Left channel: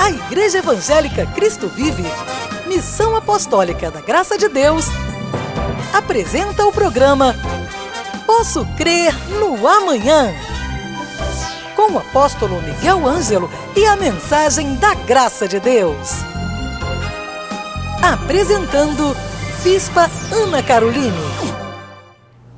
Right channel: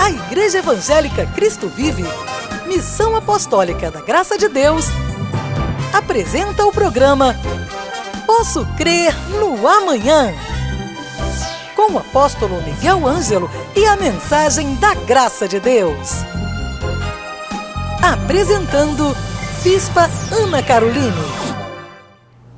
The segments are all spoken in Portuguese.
A Igreja Evangélica Cristo Vive, Missão Apostólica da Graça de Deus, apresenta o programa Posso Crer no Amanhã, com o apóstolo Miguel Ângelo e a mensagem da Graça de Deus. Apresentando Bispa Ana Caroline.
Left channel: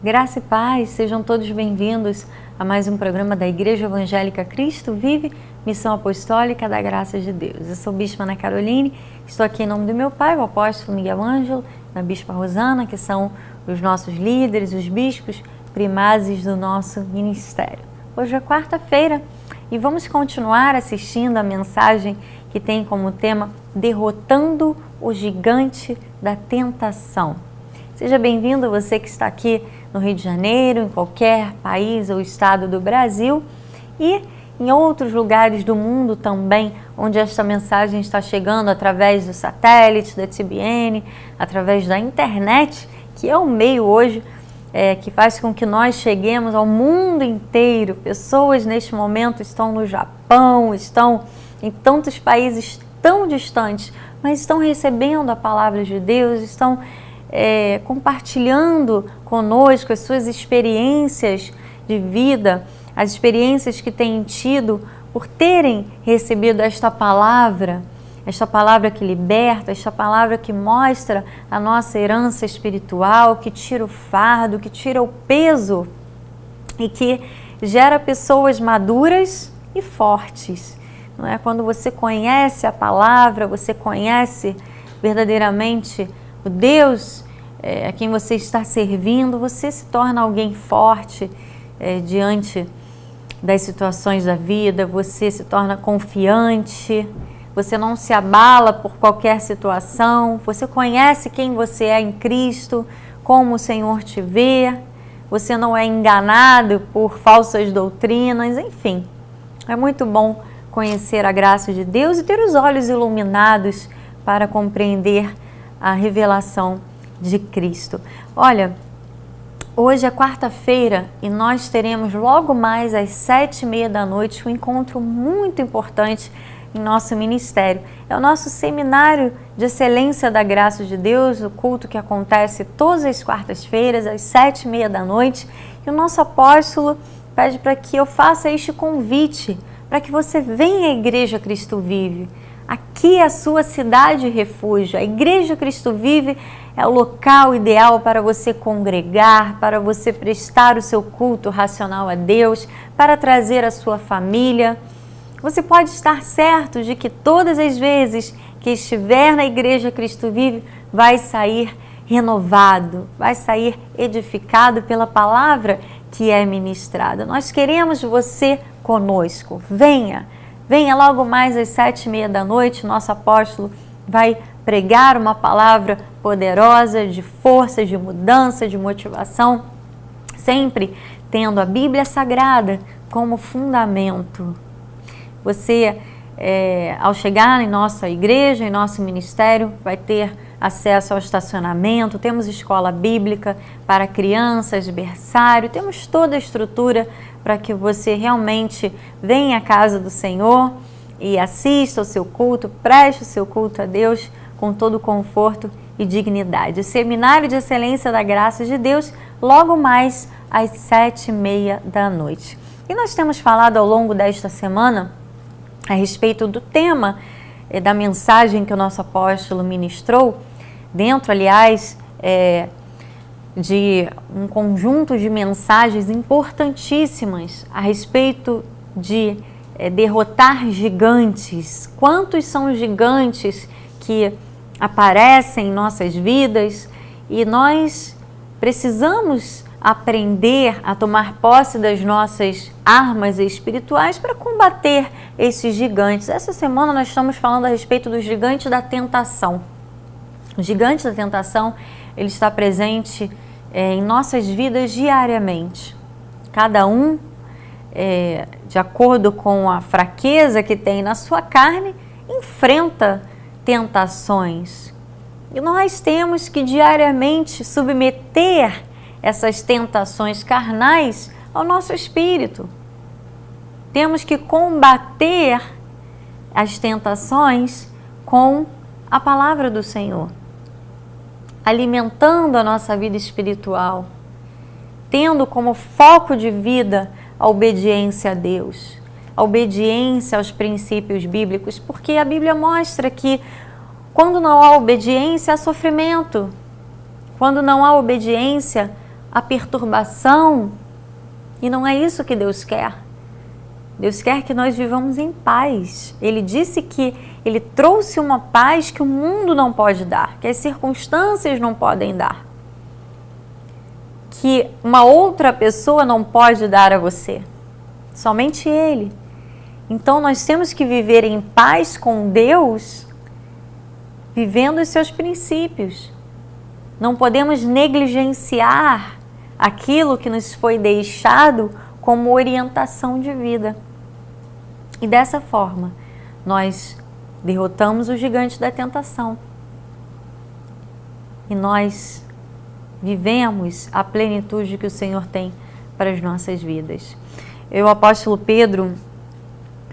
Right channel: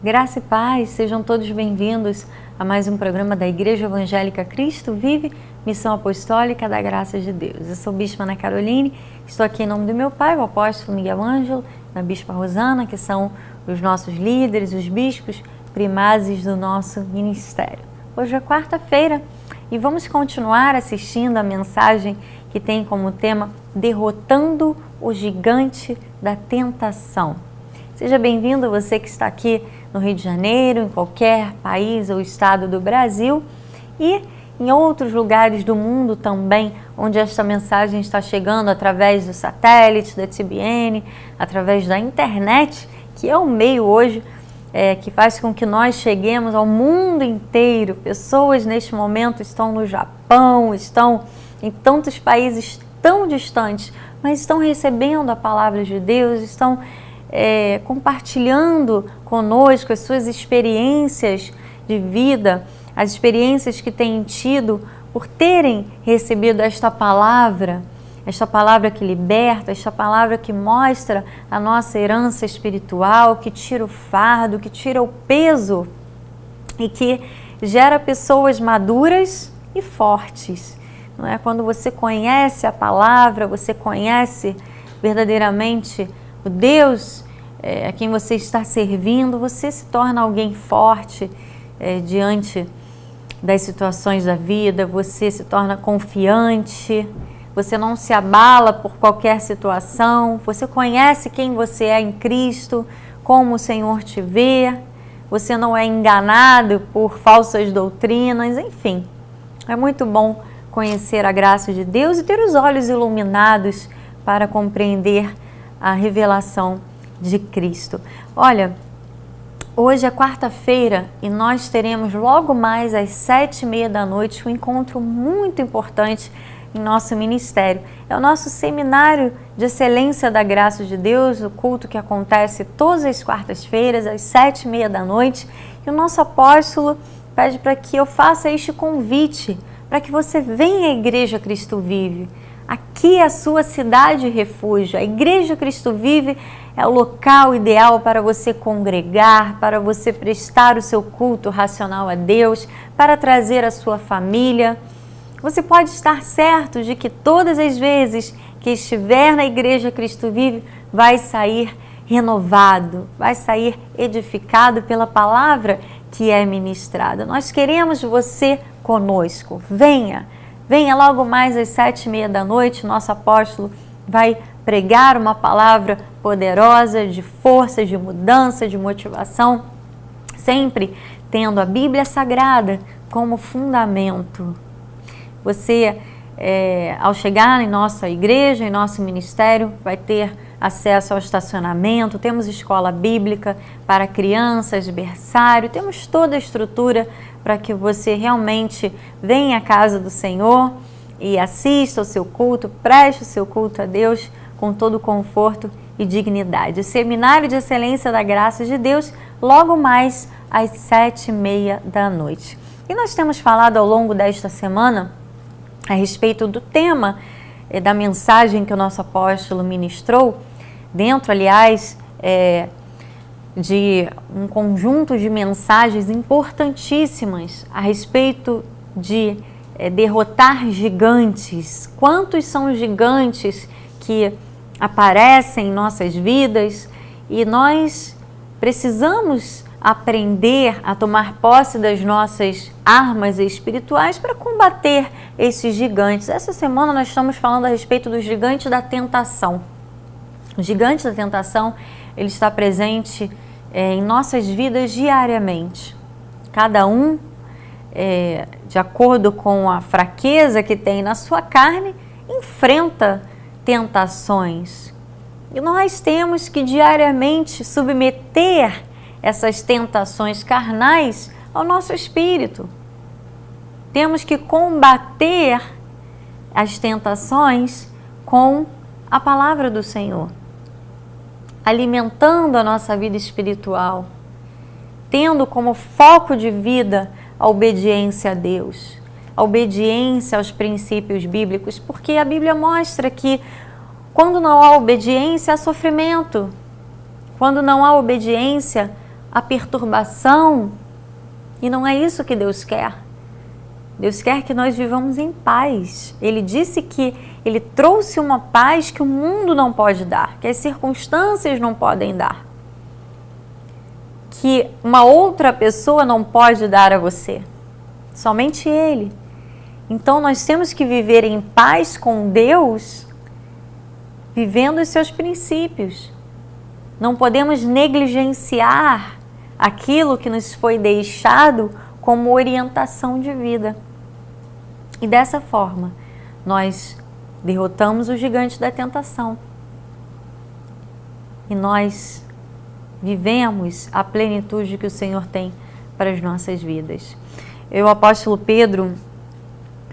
Graça e paz, sejam todos bem-vindos a mais um programa da Igreja Evangélica Cristo Vive, Missão Apostólica da Graça de Deus. Eu sou Bispa Ana Caroline, estou aqui em nome do meu pai, o apóstolo Miguel Ângelo, da Bispa Rosana, que são os nossos líderes, os bispos primazes do nosso ministério. Hoje é quarta-feira e vamos continuar assistindo a mensagem que tem como tema Derrotando o Gigante da Tentação. Seja bem-vindo você que está aqui no Rio de Janeiro, em qualquer país ou estado do Brasil e em outros lugares do mundo também, onde esta mensagem está chegando através do satélite, da TBN, através da internet, que é o meio hoje que faz com que nós cheguemos ao mundo inteiro. Pessoas neste momento estão no Japão, estão em tantos países tão distantes, mas estão recebendo a palavra de Deus, estão compartilhando conosco as suas experiências de vida, as experiências que têm tido por terem recebido esta palavra que liberta, esta palavra que mostra a nossa herança espiritual, que tira o fardo, que tira o peso e que gera pessoas maduras e fortes. Não é? Quando você conhece a palavra, você conhece verdadeiramente o Deus a quem você está servindo, você se torna alguém forte diante das situações da vida, você se torna confiante, você não se abala por qualquer situação, você conhece quem você é em Cristo, como o Senhor te vê, você não é enganado por falsas doutrinas, enfim. É muito bom conhecer a graça de Deus e ter os olhos iluminados para compreender a revelação de Cristo. Olha, hoje é quarta-feira e nós teremos logo mais às 7h30 da noite um encontro muito importante em nosso ministério. É o nosso seminário de excelência da graça de Deus, o culto que acontece todas as quartas-feiras às 7h30 da noite. E o nosso apóstolo pede para que eu faça este convite, para que você venha à Igreja Cristo Vive. Aqui é a sua cidade refúgio. A Igreja Cristo Vive é o local ideal para você congregar, para você prestar o seu culto racional a Deus, para trazer a sua família. Você pode estar certo de que todas as vezes que estiver na Igreja Cristo Vive, vai sair renovado, vai sair edificado pela palavra que é ministrada. Nós queremos você conosco. Venha logo mais às 7h30 da noite, nosso apóstolo vai pregar uma palavra poderosa de força, de mudança, de motivação, sempre tendo a Bíblia Sagrada como fundamento. Você, ao chegar em nossa igreja, em nosso ministério, vai ter acesso ao estacionamento, temos escola bíblica para crianças, berçário, temos toda a estrutura para que você realmente venha à casa do Senhor e assista ao seu culto, preste o seu culto a Deus com todo o conforto e dignidade. O Seminário de Excelência da Graça de Deus, logo mais às 7h30 da noite. E nós temos falado ao longo desta semana a respeito do tema da mensagem que o nosso apóstolo ministrou, dentro, aliás, de um conjunto de mensagens importantíssimas a respeito de derrotar gigantes. Quantos são os gigantes que aparecem em nossas vidas e nós precisamos aprender a tomar posse das nossas armas espirituais para combater esses gigantes. Essa semana nós estamos falando a respeito do gigante da tentação. O gigante da tentação, ele está presente em nossas vidas diariamente. Cada um, de acordo com a fraqueza que tem na sua carne, enfrenta tentações. E nós temos que diariamente submeter essas tentações carnais ao nosso espírito. Temos que combater as tentações com a palavra do Senhor, alimentando a nossa vida espiritual, tendo como foco de vida a obediência a Deus, a obediência aos princípios bíblicos, porque a Bíblia mostra que quando não há obediência, há sofrimento. Quando não há obediência, há perturbação. E não é isso que Deus quer. Deus quer que nós vivamos em paz. Ele disse que Ele trouxe uma paz que o mundo não pode dar, que as circunstâncias não podem dar, que uma outra pessoa não pode dar a você. Somente Ele. Então nós temos que viver em paz com Deus, vivendo os seus princípios. Não podemos negligenciar aquilo que nos foi deixado como orientação de vida. E dessa forma, nós derrotamos o gigante da tentação. E nós vivemos a plenitude que o Senhor tem para as nossas vidas. O apóstolo Pedro,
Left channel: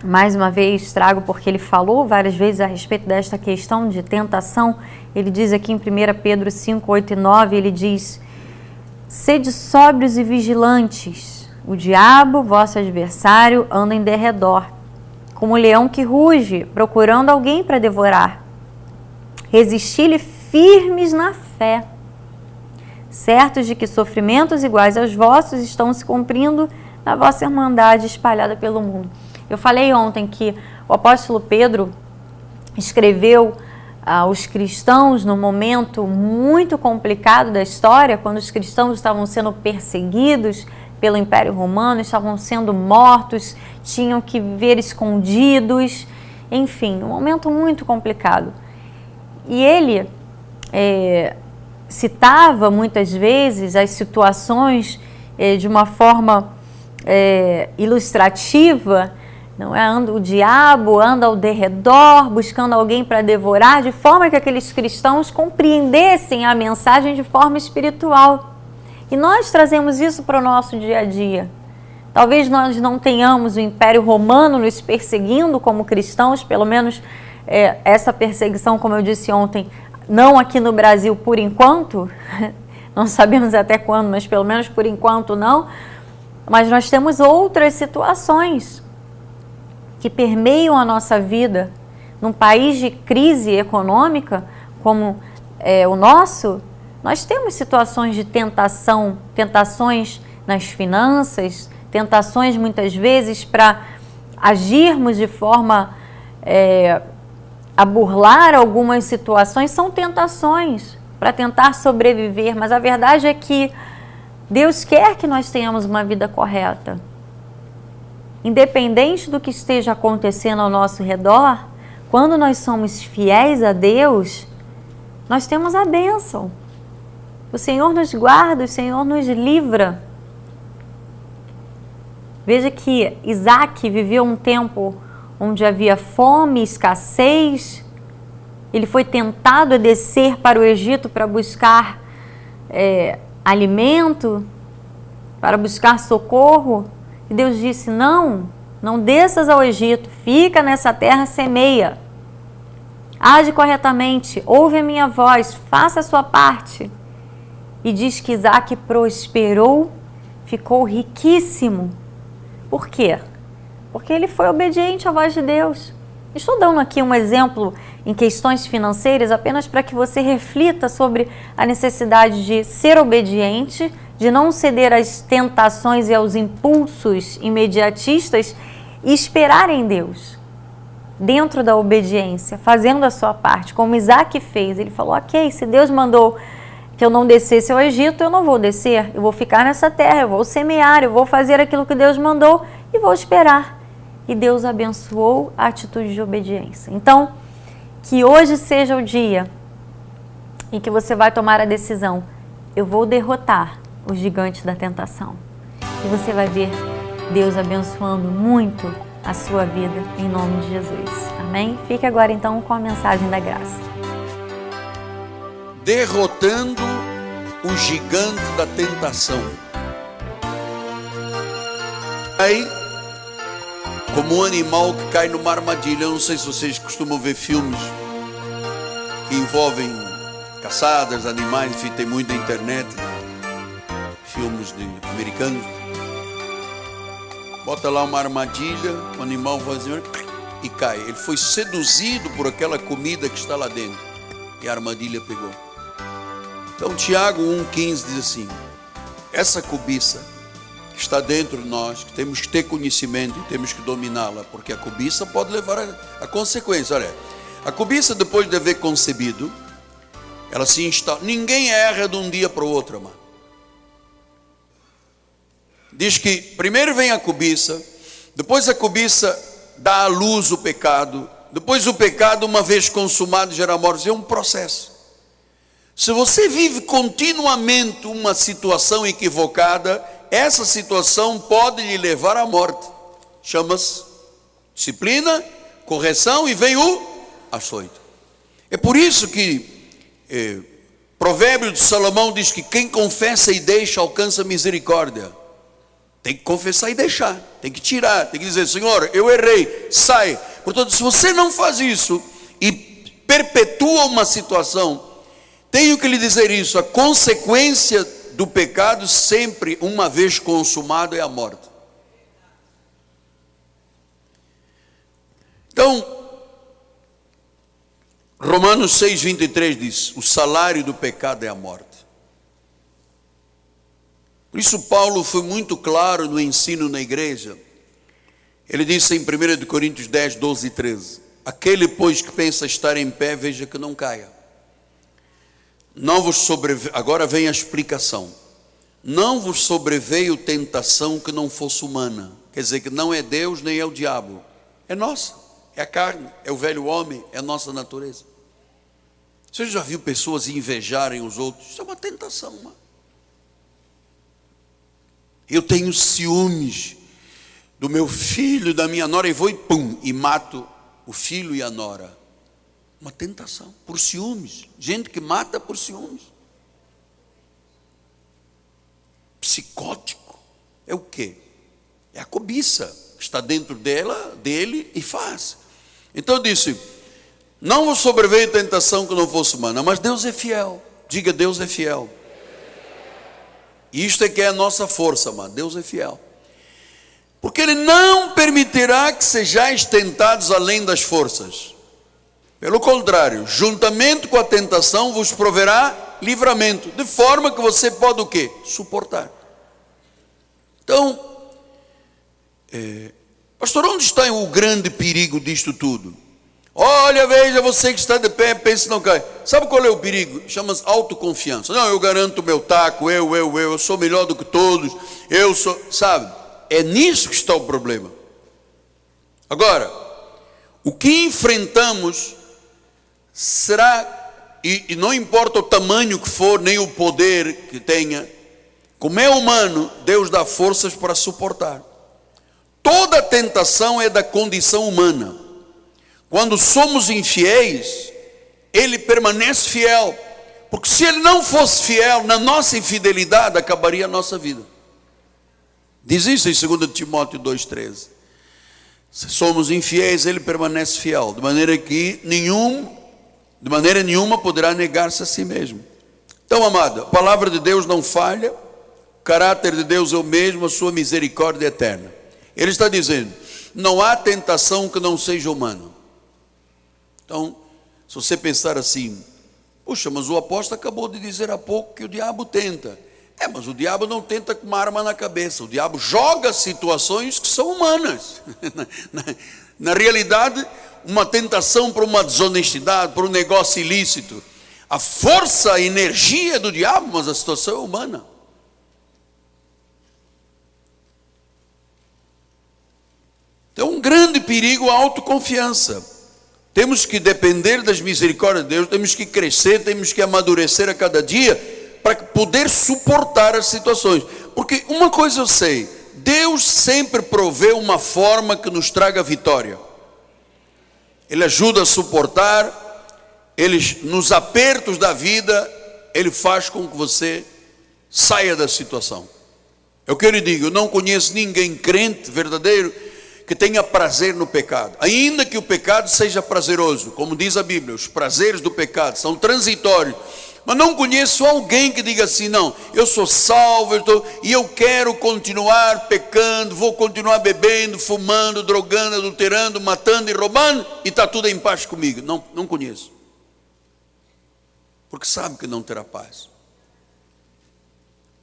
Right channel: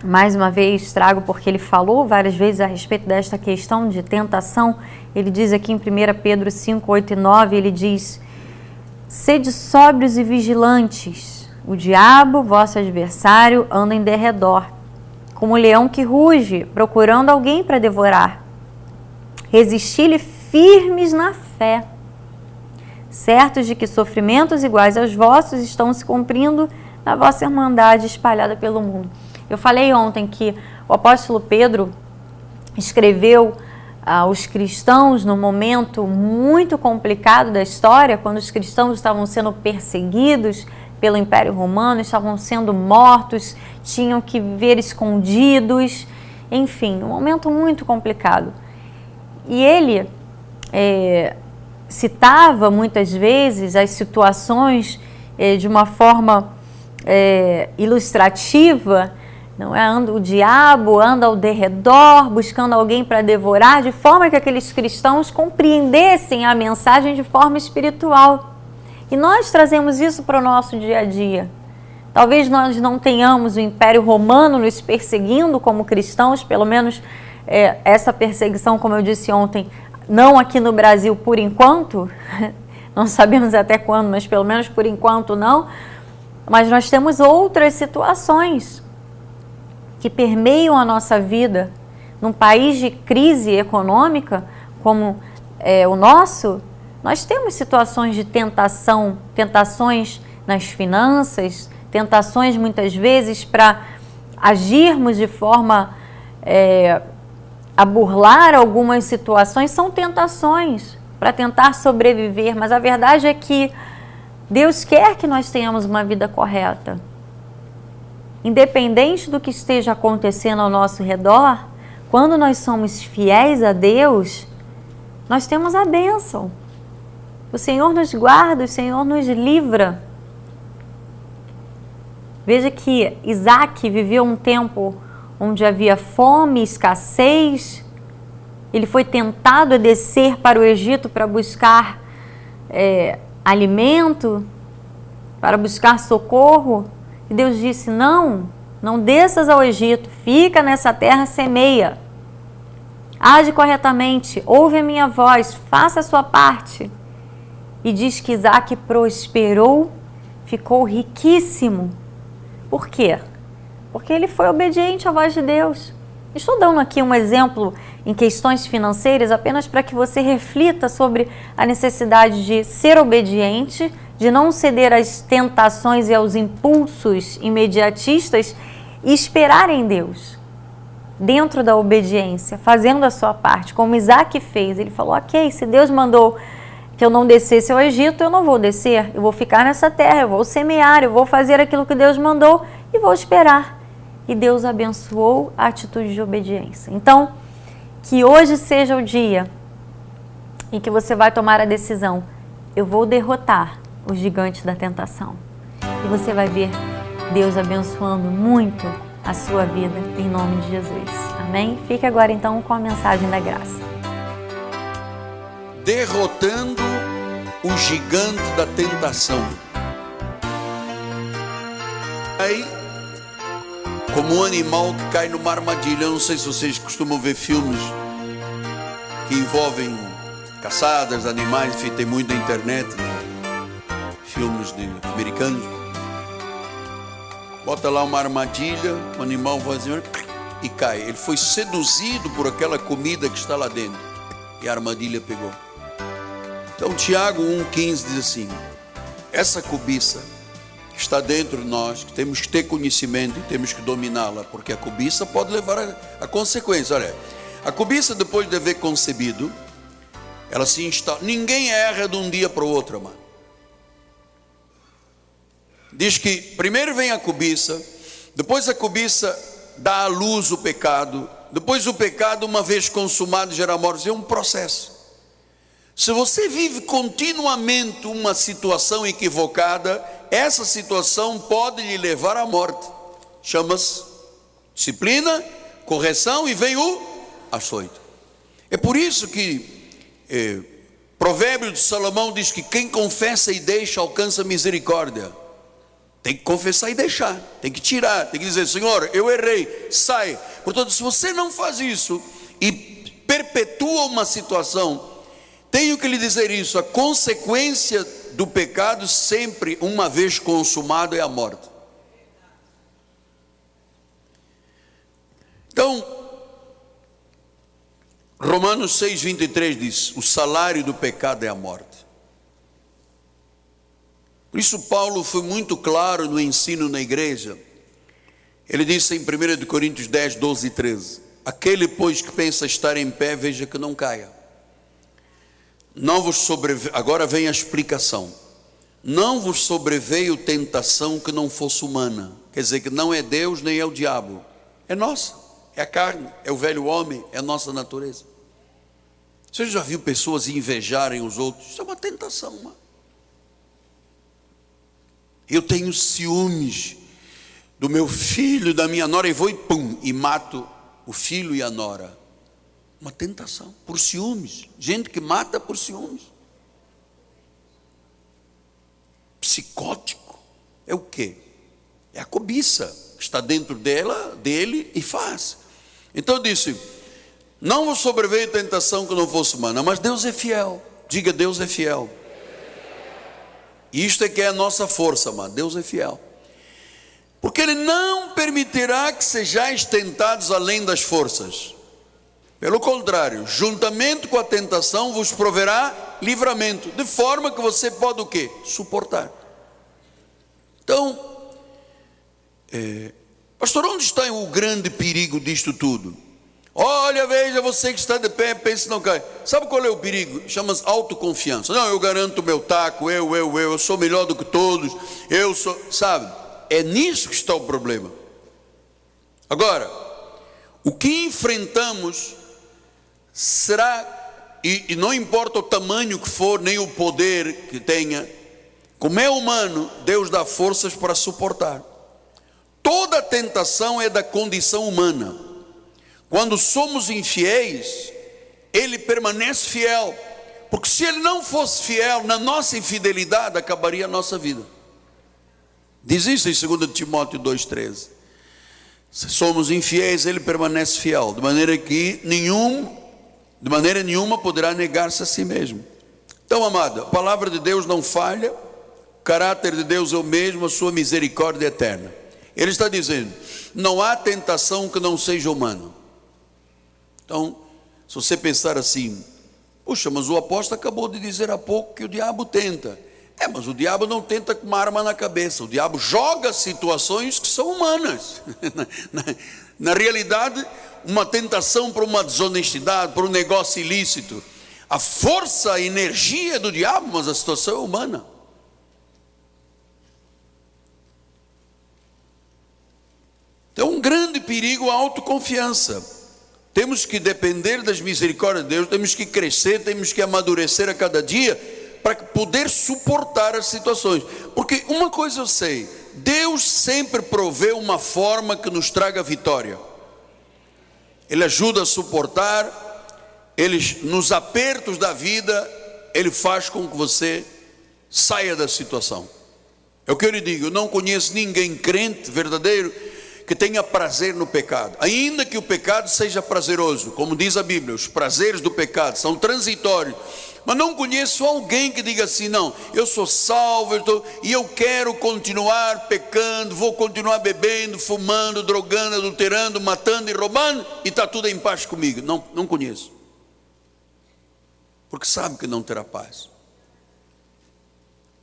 mais uma vez trago porque ele falou várias vezes a respeito desta questão de tentação. Ele diz aqui em 1 Pedro 5, 8 e 9, ele diz: sede sóbrios e vigilantes, o diabo, vosso adversário, anda em derredor, como um leão que ruge, procurando alguém para devorar. Resisti-lhe firmes na fé, certos de que sofrimentos iguais aos vossos estão se cumprindo na vossa irmandade espalhada pelo mundo. Eu falei ontem que o apóstolo Pedro escreveu aos cristãos num momento muito complicado da história, quando os cristãos estavam sendo perseguidos pelo Império Romano, estavam sendo mortos, tinham que viver escondidos, enfim, um momento muito complicado. E ele citava muitas vezes as situações de uma forma ilustrativa. Não é? O diabo anda ao derredor, buscando alguém para devorar, de forma que aqueles cristãos compreendessem a mensagem de forma espiritual. E nós trazemos isso para o nosso dia a dia. Talvez nós não tenhamos o Império Romano nos perseguindo como cristãos, pelo menos essa perseguição, como eu disse ontem, não aqui no Brasil por enquanto, não sabemos até quando, mas pelo menos por enquanto não. Mas nós temos outras situações que permeiam a nossa vida. Num país de crise econômica como o nosso, nós temos situações de tentação, tentações nas finanças, tentações muitas vezes para agirmos de forma a burlar algumas situações, são tentações para tentar sobreviver, mas a verdade é que Deus quer que nós tenhamos uma vida correta. Independente do que esteja acontecendo ao nosso redor, quando nós somos fiéis a Deus, nós temos a bênção. O Senhor nos guarda, o Senhor nos livra. Veja que Isaac viveu um tempo onde havia fome, escassez. Ele foi tentado a descer para o Egito para buscar alimento, para buscar socorro. E Deus disse: não desças ao Egito, fica nessa terra, semeia. Age corretamente, ouve a minha voz, faça a sua parte. E diz que Isaac prosperou, ficou riquíssimo. Por quê? Porque ele foi obediente à voz de Deus. Estou dando aqui um exemplo em questões financeiras apenas para que você reflita sobre a necessidade de ser obediente, de não ceder às tentações e aos impulsos imediatistas e esperar em Deus, dentro da obediência, fazendo a sua parte, como Isaac fez. Ele falou: ok, se Deus mandou que eu não descesse ao Egito, eu não vou descer, eu vou ficar nessa terra, eu vou semear, eu vou fazer aquilo que Deus mandou e vou esperar. E Deus abençoou a atitude de obediência. Então, que hoje seja o dia em que você vai tomar a decisão: eu vou derrotar o gigante da tentação. E você vai ver Deus abençoando muito a sua vida, em nome de Jesus. Amém? Fique agora então com a mensagem da graça. Derrotando o gigante da tentação. Aí, como um animal que cai numa armadilha. Eu não sei se vocês costumam ver filmes que envolvem caçadas, animais, enfim, tem muito na internet, filmes americanos. Bota lá uma armadilha, o animal vai assim, e cai. Ele foi seduzido por aquela comida que está lá dentro, e a armadilha pegou. Então Tiago 1,15 diz assim: essa cobiça que está dentro de nós, que temos que ter conhecimento e temos que dominá-la, porque a cobiça pode levar a consequência. Olha, a cobiça, depois de haver concebido, ela se instala. Ninguém erra de um dia para o outro, amado. Diz que primeiro vem a cobiça, depois a cobiça dá à luz o pecado, depois o pecado, uma vez consumado, gera morte. É um processo. Se você vive continuamente uma situação equivocada, essa situação pode lhe levar à morte. Chama-se disciplina, correção, e vem o açoite. É por isso que Provérbio de Salomão diz que quem confessa e deixa alcança misericórdia. Tem que confessar e deixar, tem que tirar, tem que dizer: Senhor, eu errei, sai. Portanto, se você não faz isso e perpetua uma situação, tenho que lhe dizer isso: a consequência do pecado, sempre, uma vez consumado, é a morte. Então, Romanos 6,23 diz: o salário do pecado é a morte. Por isso Paulo foi muito claro no ensino na igreja. Ele disse em 1 Coríntios 10, 12 e 13: aquele, pois, que pensa estar em pé, veja que não caia. Não vos sobreveio, agora vem a explicação. Não vos sobreveio tentação que não fosse humana. Quer dizer que não é Deus nem é o diabo. É nossa, é a carne, é o velho homem, é a nossa natureza. Você já viu pessoas invejarem os outros? Isso é uma tentação, mano. Eu tenho ciúmes do meu filho, da minha nora, e vou e pum, e mato o filho e a nora. Uma tentação, por ciúmes. Gente que mata por ciúmes. Psicótico. É o quê? É a cobiça que está dentro dele e faz. Então eu disse: não vos sobreveio tentação que não fosse humana, mas Deus é fiel. Diga: Deus é fiel. Isto é que é a nossa força, mano. Deus é fiel. Porque Ele não permitirá que sejais tentados além das forças. Pelo contrário, juntamente com a tentação vos proverá livramento, de forma que você pode o quê? Suportar. Então, pastor, onde está o grande perigo disto tudo? Olha, veja, você que está de pé, pense que não cai. Sabe qual é o perigo? Chama-se autoconfiança. Não, eu garanto o meu taco, eu sou melhor do que todos, eu sou, sabe? É nisso que está o problema. Agora, o que enfrentamos será, e não importa o tamanho que for, nem o poder que tenha, como é humano, Deus dá forças para suportar. Toda tentação é da condição humana. Quando somos infiéis, Ele permanece fiel, porque se Ele não fosse fiel, na nossa infidelidade acabaria a nossa vida. Diz isso em 2 Timóteo 2,13. Se somos infiéis, Ele permanece fiel, de maneira que de maneira nenhuma poderá negar-se a si mesmo. Então, amado, a palavra de Deus não falha, o caráter de Deus é o mesmo, a sua misericórdia é eterna. Ele está dizendo: não há tentação que não seja humana. Então, se você pensar assim: puxa, mas o apóstolo acabou de dizer há pouco que o diabo tenta. Mas o diabo não tenta com uma arma na cabeça. O diabo joga situações que são humanas. Na realidade, uma tentação para uma desonestidade, para um negócio ilícito. A força, a energia do diabo, mas a situação é humana. Então, um grande perigo, a autoconfiança. Temos que depender das misericórdias de Deus, temos que crescer, temos que amadurecer a cada dia, para poder suportar as situações. Porque uma coisa eu sei: Deus sempre provê uma forma que nos traga vitória. Ele ajuda a suportar, Ele, nos apertos da vida, Ele faz com que você saia da situação. É o que eu lhe digo: eu não conheço ninguém crente verdadeiro que tenha prazer no pecado, ainda que o pecado seja prazeroso, como diz a Bíblia, os prazeres do pecado são transitórios. Mas não conheço alguém que diga assim: não, eu sou salvo, e eu quero continuar pecando, vou continuar bebendo, fumando, drogando, adulterando, matando e roubando, e está tudo em paz comigo. Não, não conheço. Porque sabe que não terá paz.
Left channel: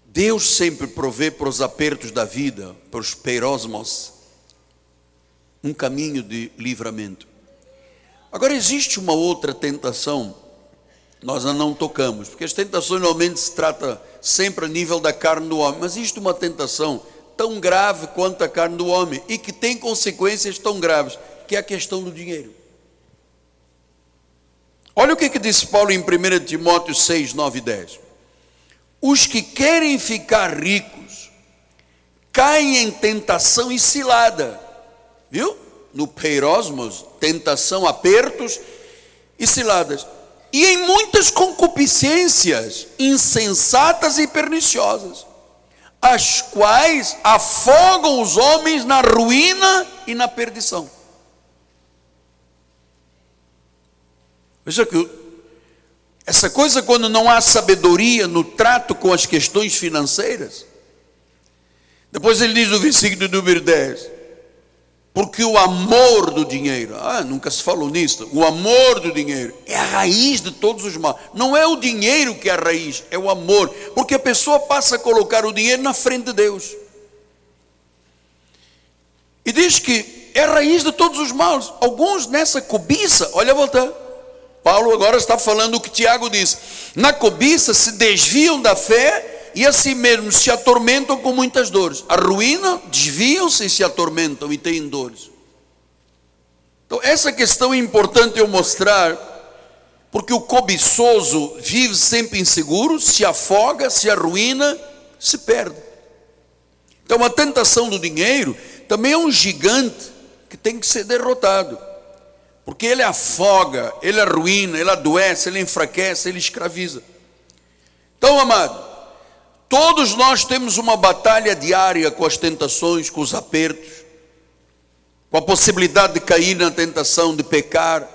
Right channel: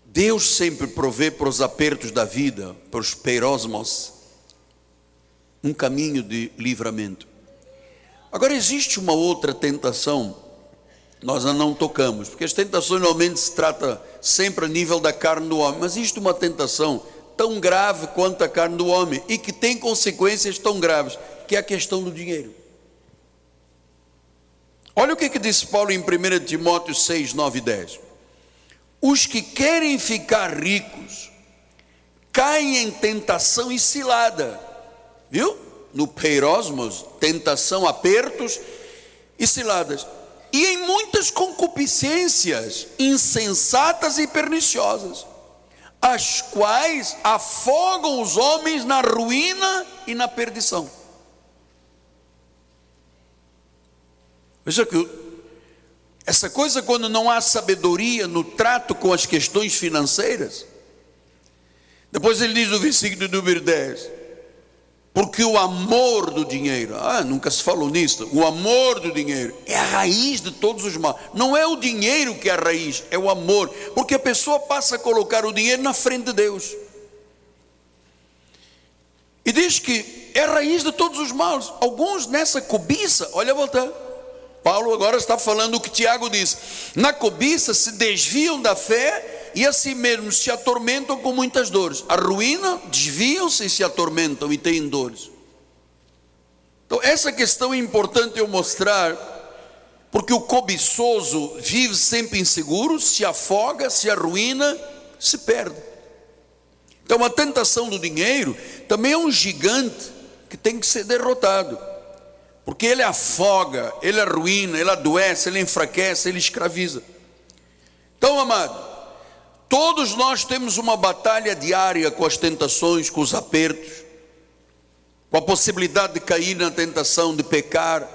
Deus sempre provê para os apertos da vida, para os peirosmos, um caminho de livramento. Agora existe uma outra tentação, nós não tocamos, porque as tentações normalmente se trata sempre a nível da carne do homem, mas existe uma tentação tão grave quanto a carne do homem, e que tem consequências tão graves, que é a questão do dinheiro. Olha o que disse Paulo em 1 Timóteo 6, 9 e 10. Os que querem ficar ricos caem em tentação e cilada, viu? No peirosmos, tentação, apertos e ciladas, e em muitas concupiscências insensatas e perniciosas, as quais afogam os homens na ruína e na perdição. Veja que essa coisa, quando não há sabedoria no trato com as questões financeiras. Depois ele diz no versículo número 10, porque o amor do dinheiro, nunca se falou nisso, o amor do dinheiro é a raiz de todos os males. Não é o dinheiro que é a raiz, é o amor, porque a pessoa passa a colocar o dinheiro na frente de Deus, e diz que é a raiz de todos os males. Alguns nessa cobiça, olha a volta, Paulo agora está falando o que Tiago diz: na cobiça se desviam da fé e assim mesmo se atormentam com muitas dores. A ruína, desviam-se e se atormentam e têm dores. Então essa questão é importante eu mostrar, porque o cobiçoso vive sempre inseguro, se afoga, se arruína, se perde. Então a tentação do dinheiro também é um gigante que tem que ser derrotado, porque ele afoga, ele arruína, ele adoece, ele enfraquece, ele escraviza. Então, amado, todos nós temos uma batalha diária com as tentações, com os apertos, com a possibilidade de cair na tentação de pecar.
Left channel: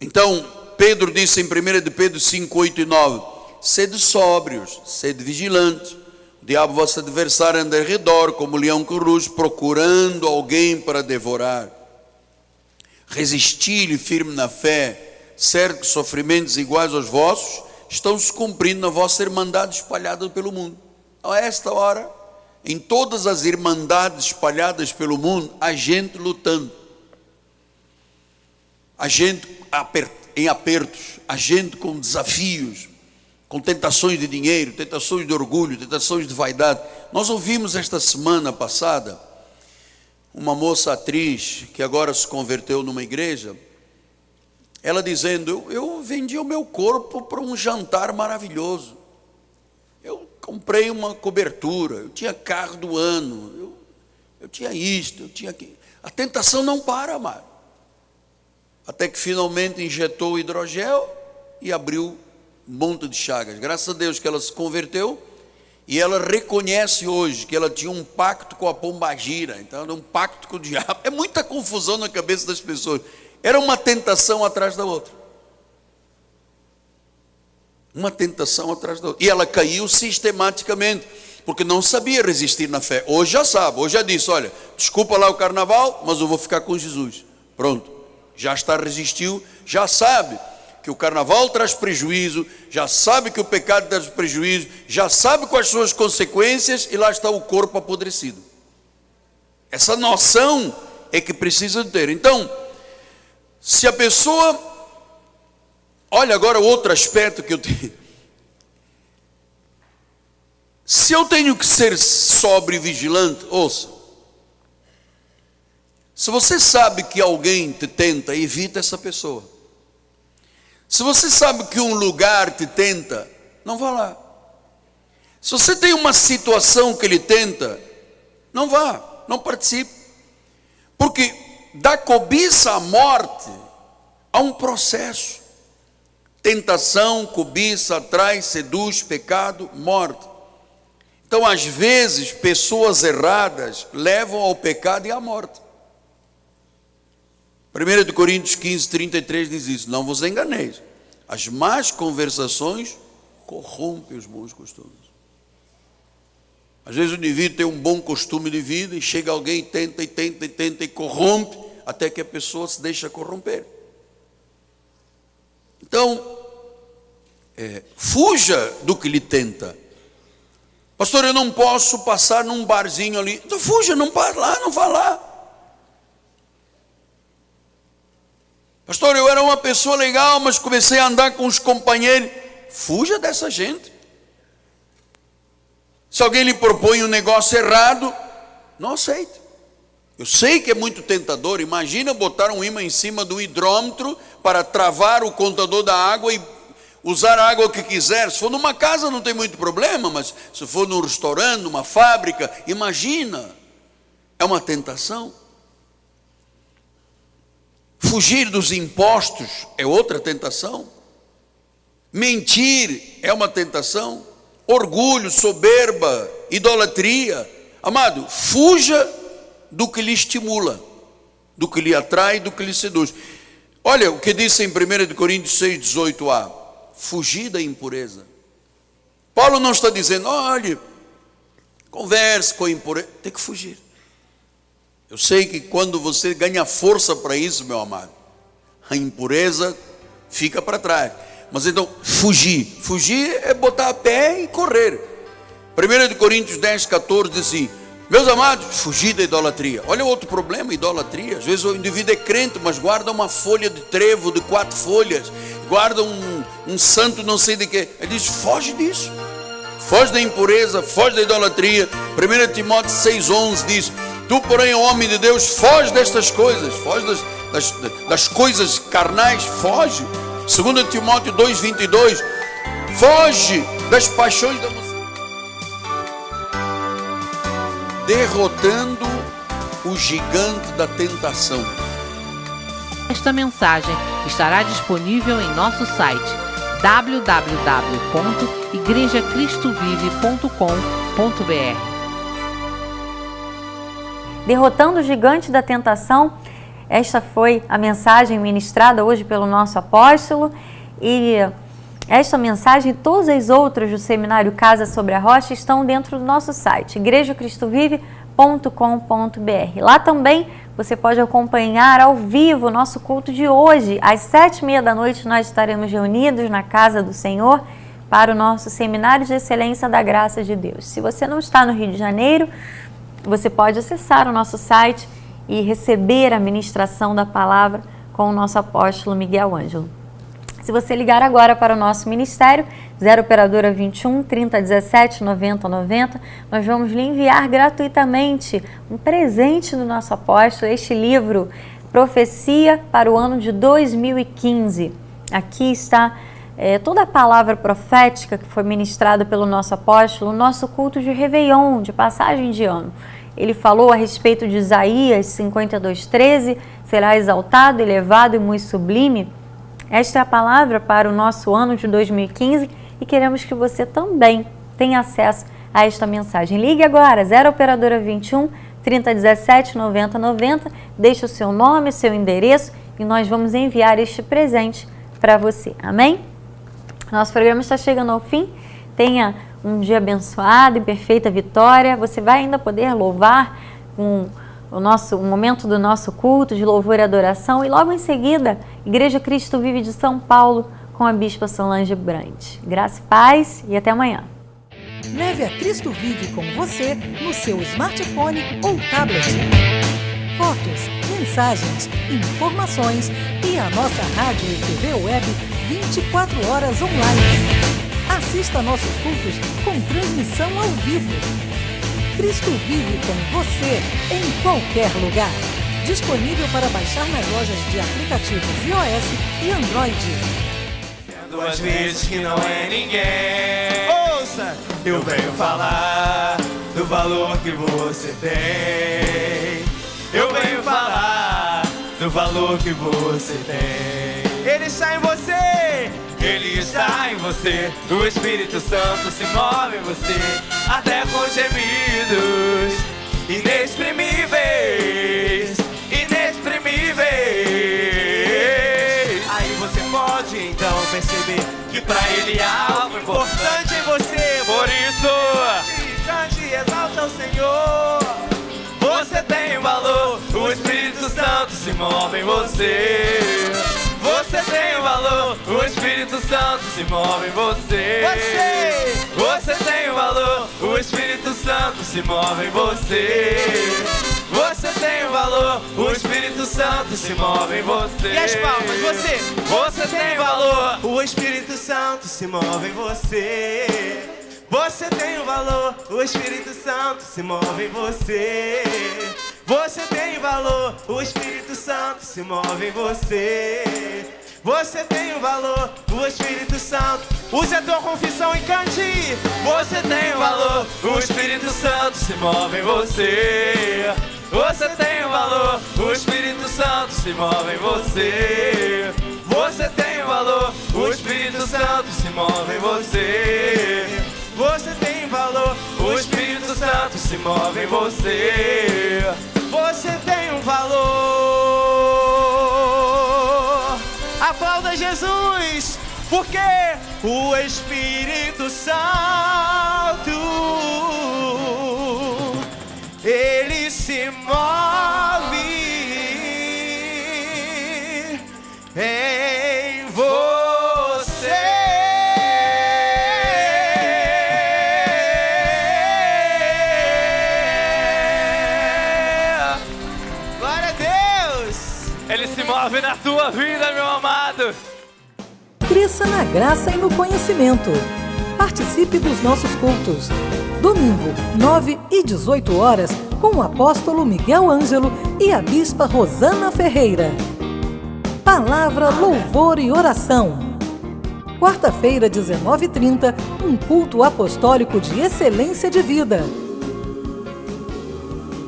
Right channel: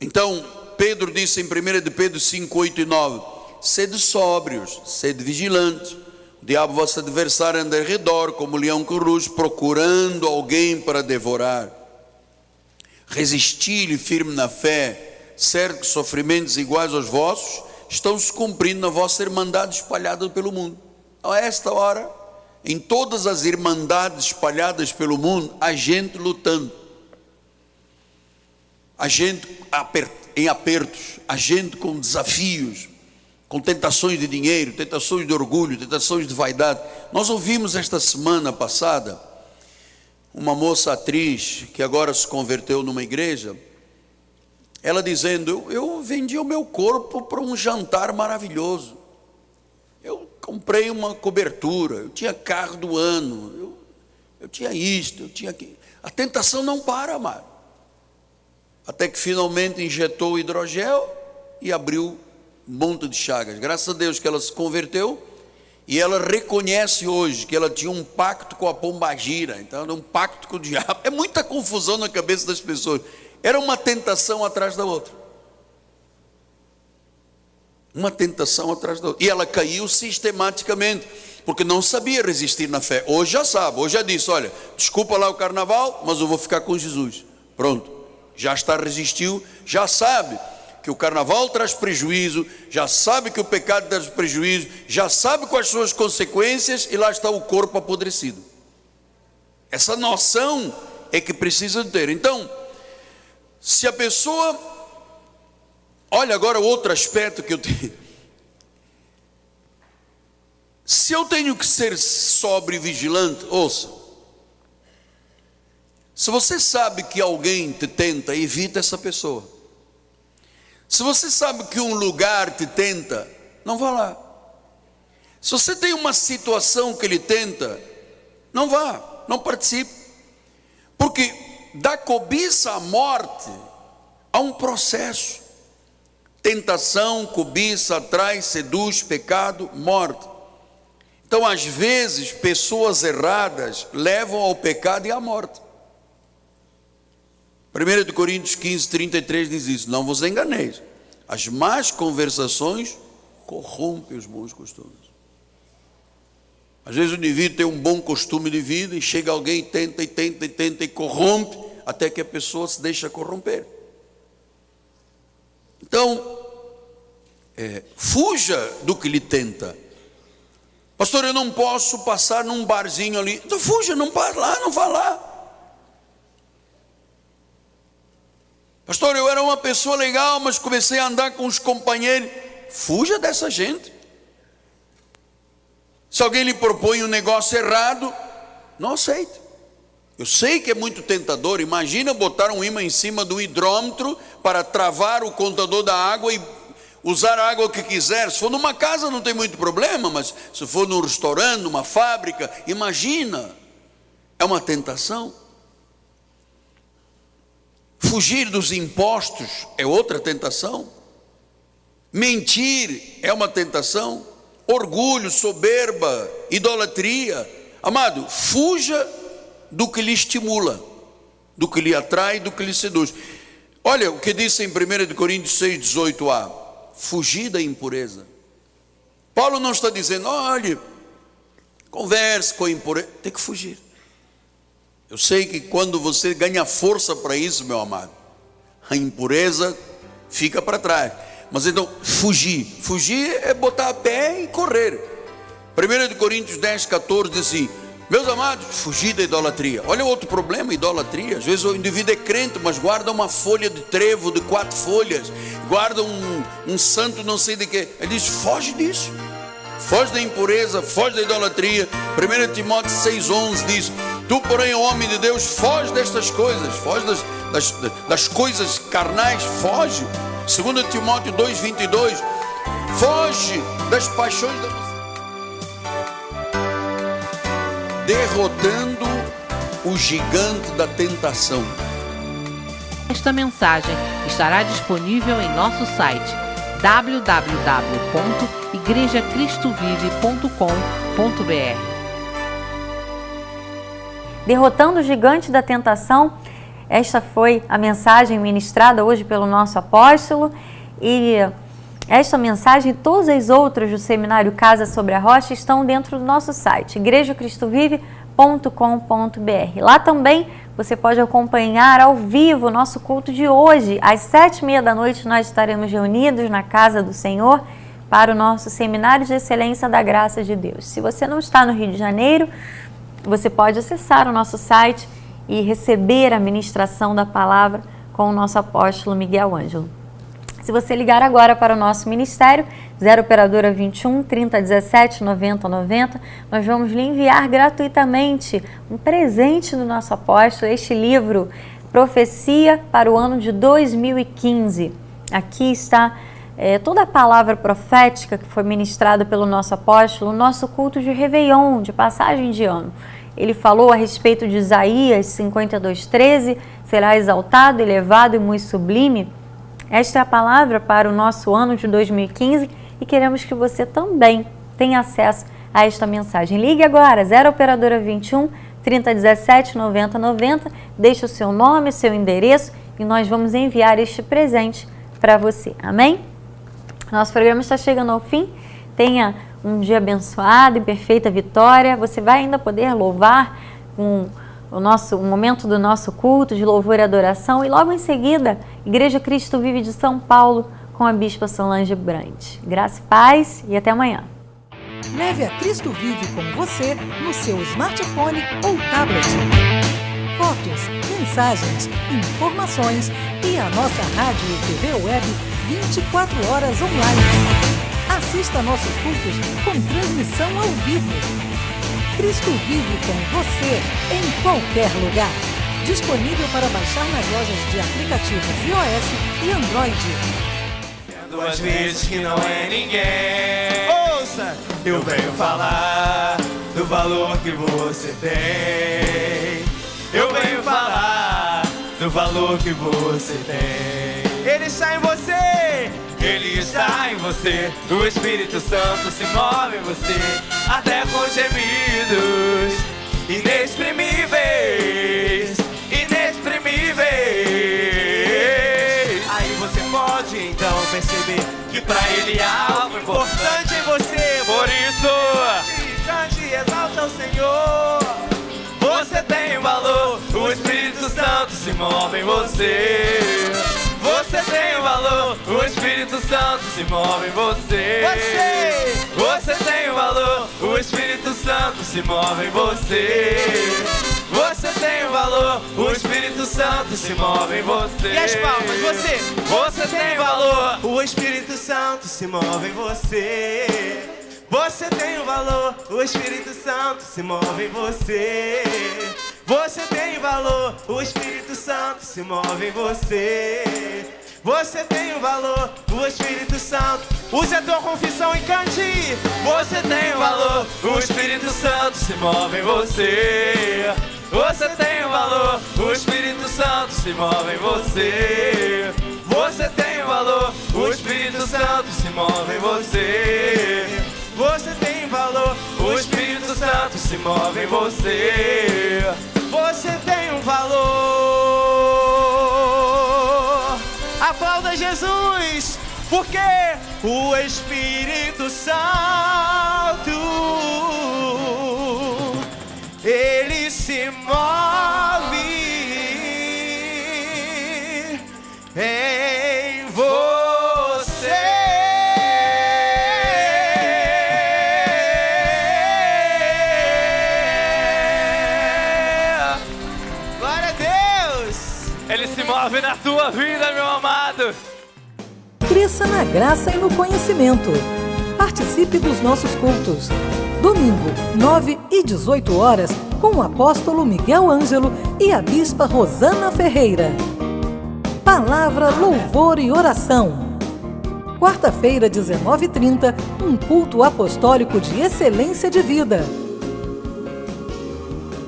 Então, Pedro disse em 1 de Pedro 5, 8 e 9, sede sóbrios, sede vigilantes, o diabo vosso adversário anda ao redor, como leão que ruge, procurando alguém para devorar. Resistir-lhe firme na fé, certo que sofrimentos iguais aos vossos estão se cumprindo na vossa irmandade espalhada pelo mundo. A esta hora, em todas as irmandades espalhadas pelo mundo, há gente lutando, há gente em apertos, há gente com desafios, com tentações de dinheiro, tentações de orgulho, tentações de vaidade. Nós ouvimos esta semana passada uma moça atriz que agora se converteu numa igreja, ela dizendo: eu vendi o meu corpo para um jantar maravilhoso, eu comprei uma cobertura, eu tinha carro do ano, eu tinha isto, eu tinha aquilo. A tentação não para, amado, até que finalmente injetou o hidrogel e abriu um monte de chagas. Graças a Deus que ela se converteu, e ela reconhece hoje que ela tinha um pacto com a pombagira, então era um pacto com o diabo. É muita confusão na cabeça das pessoas. Era uma tentação atrás da outra, uma tentação atrás da outra, e ela caiu sistematicamente, porque não sabia resistir na fé. Hoje já sabe, hoje já disse: olha, desculpa lá o carnaval, mas eu vou ficar com Jesus. Pronto, já está, resistiu, já sabe que o carnaval traz prejuízo, já sabe que o pecado traz prejuízo, já sabe quais são as consequências, e lá está o corpo apodrecido. Essa noção é que precisa ter. Então, se a pessoa, olha agora outro aspecto que eu tenho, se eu tenho que ser sóbrio e vigilante, ouça, se você sabe que alguém te tenta, evita essa pessoa. Se você sabe que um lugar te tenta, não vá lá. Se você tem uma situação que ele tenta, não vá, não participe. Porque da cobiça à morte há um processo. Tentação, cobiça, atrai, seduz, pecado, morte. Então, às vezes, pessoas erradas levam ao pecado e à morte. 1 Coríntios 15, 33 diz isso: não vos enganeis, as más conversações corrompem os bons costumes. Às vezes o indivíduo tem um bom costume de vida e chega alguém e tenta e corrompe, até que a pessoa se deixa corromper. Então, fuja do que lhe tenta. Pastor, eu não posso passar num barzinho ali. Então fuja, não vá lá, não vá lá. Pastor, eu era uma pessoa legal, mas comecei a andar com os companheiros. Fuja dessa gente. Se alguém lhe propõe um negócio errado, não aceite. Eu sei que é muito tentador. Imagina botar um ímã em cima do hidrômetro para travar o contador da água e usar a água que quiser. Se for numa casa não tem muito problema, mas se for num restaurante, numa fábrica, imagina. É uma tentação. Fugir dos impostos é outra tentação. Mentir é uma tentação. Orgulho, soberba, idolatria. Amado, fuja do que lhe estimula, do que lhe atrai, do que lhe seduz. Olha o que diz em 1 Coríntios 6, 18a: fugir da impureza. Paulo não está dizendo, olha, converse com a impureza. Tem que fugir. Eu sei que quando você ganha força para isso, meu amado, a impureza fica para trás. Mas então, fugir é botar a pé e correr. 1 Coríntios 10, 14 diz assim: meus amados, fugir da idolatria. Olha outro problema, idolatria. Às vezes o indivíduo é crente, mas guarda uma folha de trevo de 4 folhas, guarda um santo não sei de quê. Ele diz, foge disso. Foge da impureza, foge da idolatria. 1 Timóteo 6,11 diz: tu, porém, homem de Deus, foge destas coisas. Foge das coisas carnais, foge. 2 Timóteo 2,22, foge das paixões da mocidade. Derrotando o gigante da tentação. Esta mensagem estará disponível em nosso site www.igrejacristovive.com.br. Derrotando o gigante da tentação. Esta foi a mensagem ministrada hoje pelo nosso apóstolo, e esta mensagem e todas as outras do Seminário Casa sobre a Rocha estão dentro do nosso site, igrejacristovive.com.br. Lá também você pode acompanhar ao vivo o nosso culto de hoje. Às 7h30 da noite nós estaremos reunidos na Casa do Senhor para o nosso Seminário de Excelência da Graça de Deus. Se você não está no Rio de Janeiro, você pode acessar o nosso site e receber a ministração da palavra com o nosso apóstolo Miguel Ângelo. Se você ligar agora para o nosso ministério, 0 operadora 21 3017 9090, nós vamos lhe enviar gratuitamente um presente do nosso apóstolo, este livro, Profecia para o ano de 2015. Aqui está toda a palavra profética que foi ministrada pelo nosso apóstolo, o nosso culto de Réveillon, de passagem de ano. Ele falou a respeito de Isaías 52:13, será exaltado, elevado e muito sublime. Esta é a palavra para o nosso ano de 2015 e queremos que você também tenha acesso a esta mensagem. Ligue agora, 0 operadora 21 3017 9090, deixe o seu nome, seu endereço e nós vamos enviar este presente para você. Amém? Nosso programa está chegando ao fim. Tenha um dia abençoado e perfeita vitória. Você vai ainda poder louvar com o momento do nosso culto de louvor e adoração. E logo em seguida, Igreja Cristo Vive de São Paulo com a Bispa Solange Brand. Graça e paz e até amanhã. Leve a Cristo Vive com você no seu smartphone ou tablet. Fotos, mensagens, informações e a nossa rádio e TV web 24 horas online. Assista nossos cultos com transmissão ao vivo. Cristo Vive com você em qualquer lugar. Disponível para baixar nas lojas de aplicativos iOS e Android. Duas vezes que não é ninguém. Ouça, eu venho falar do valor que você tem. Eu venho falar do valor que você tem. Ele está em você. Ele está em você, o Espírito Santo se move em você, até com gemidos inexprimíveis, inexprimíveis. pode então perceber que pra Ele há algo importante em você. Por isso, cante e exalta o Senhor. Você tem valor, o Espírito Santo se move em você. Você tem valor, o Espírito Santo se move em você. Você tem valor, o Espírito Santo se move em você. Você tem valor, o Espírito Santo se move em você. E as palmas, você. Você tem valor, o Espírito Santo se move em você. Você tem o valor, o Espírito Santo se move em você. Você tem valor, o Espírito Santo se move em você. Você tem o valor, o Espírito Santo. Use a tua confissão e cante. Você tem o valor, o Espírito Santo se move em você. Você tem o valor, o Espírito Santo se move em você. Você tem o valor, o Espírito Santo se move em você. Você tem valor, o Espírito Santo se move em você. Você tem um valor. Aplauda Jesus, porque o Espírito Santo, Ele se move em você. Ele se move na tua vida, meu amado. Cresça na graça e no conhecimento. Participe dos nossos cultos. Domingo, 9 e 18 horas, com o apóstolo Miguel Ângelo e a bispa Rosana Ferreira. Palavra, louvor e oração. Quarta-feira, 19h30, um culto apostólico de excelência de vida.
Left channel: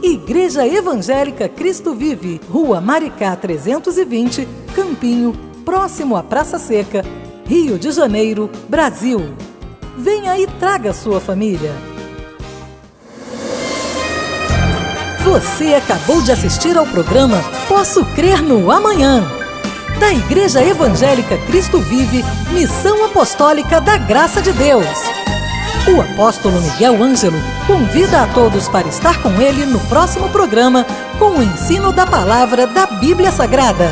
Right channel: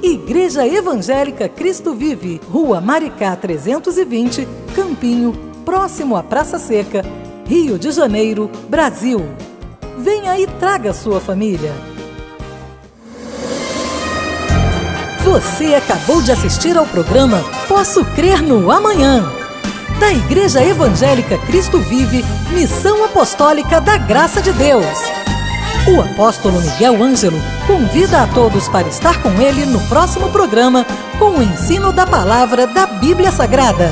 Igreja Evangélica Cristo Vive, Rua Maricá 320, Campinho, próximo à Praça Seca, Rio de Janeiro, Brasil. Venha e traga sua família. Você acabou de assistir ao programa Posso Crer no Amanhã, da Igreja Evangélica Cristo Vive, Missão Apostólica da Graça de Deus. O apóstolo Miguel Ângelo convida a todos para estar com ele no próximo programa com o ensino da palavra da Bíblia Sagrada.